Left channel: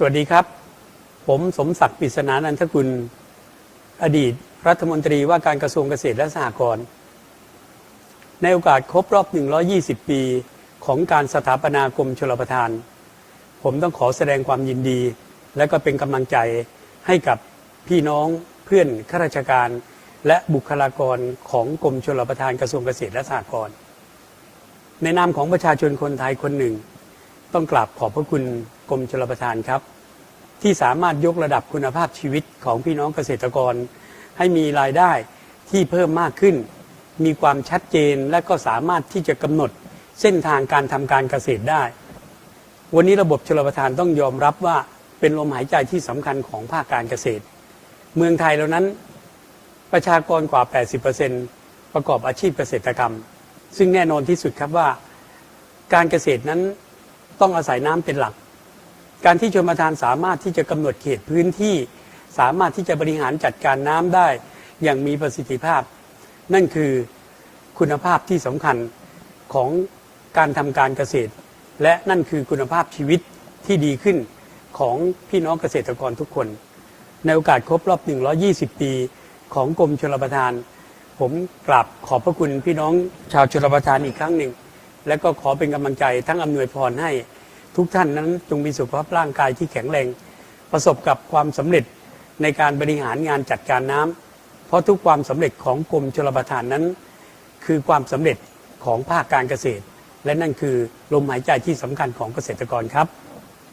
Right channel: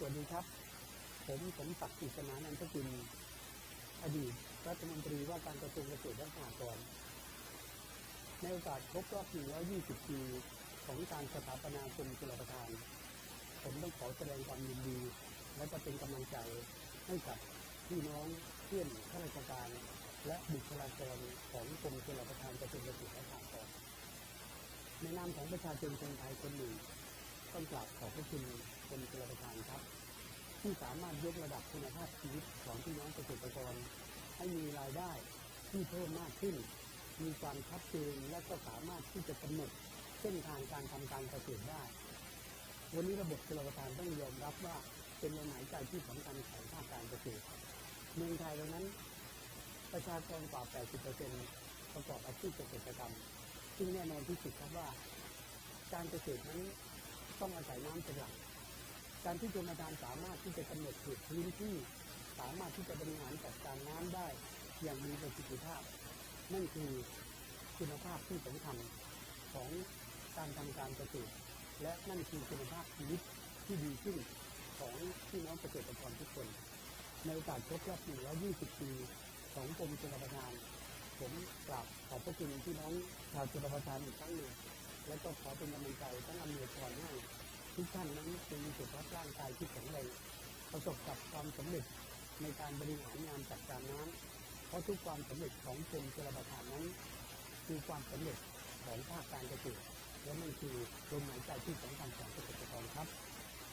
สวัสดีครับ ผมสมศักดิ์ปิศนานันทกุล อดีตรัฐมนตรีว่าการกระทรวงเกษตรและสหกรณ์ในโอกาสครบรอบ 120 ปีของการสถาปนากรมชลประทาน ผมต้องขอแสดงความยินดี และก็เป็นกำลังใจให้กับพี่น้องเพื่อนข้าราชการ และบุคลากรของกรมชลประทานกระทรวงเกษตรและสหกรณ์ในนามของประชาชนคนไทยคนหนึ่ง ต้องกราบขอบพระคุณกรมชลประทานครับ ที่สามารถยกระดับคุณภาพชีวิตของพี่น้องเกษตรกร ให้มีรายได้ที่เพิ่มมากขึ้น มีความชัดเจนและก็สามารถที่จะกำหนดเส้นทางการทำการเกษตรได้ วันนี้ระบบชลประทานต้องยอมรับว่าเป็นลมหายใจที่สำคัญของภาคการเกษตร เมืองไทยแล้วนั้นประชากรกว่า 80%ประกอบอาชีพเกษตรกรรม ซึ่งแน่นอนที่สุดครับว่า การเกษตรนั้น ต้องอาศัยน้ำเป็นหลัก การที่ชนประทานสามารถที่จะกำหนดเขตพื้นที่ สามารถที่จะบริหารจัดการน้ำได้อย่างมีประสิทธิภาพ นั่นคือคุณภาพที่สำคัญของการทำการเกษตร และนั่นคือคุณภาพชีวิตที่ดีขึ้นของพี่น้องเกษตรกรทุกคน ในโอกาสครบรอบ 120 ปีของกรมชลประทาน ผมกราบขอบพระคุณพี่น้องชาวชลประทานอีกครั้งหนึ่ง และก็ขอเป็นกำลังใจทั้งอำนวยพรให้ทุกท่านนั้นจงมีสุขภาพร่างกายที่แข็งแรง ประสบกับความสำเร็จในการบริหารงานจัดการน้ำเพราะทุกความสำเร็จของกรมชลประทานนั้น คือความสำเร็จของภาคการเกษตร และนั่นคือลมหายใจที่สำคัญของเกษตรกรครับ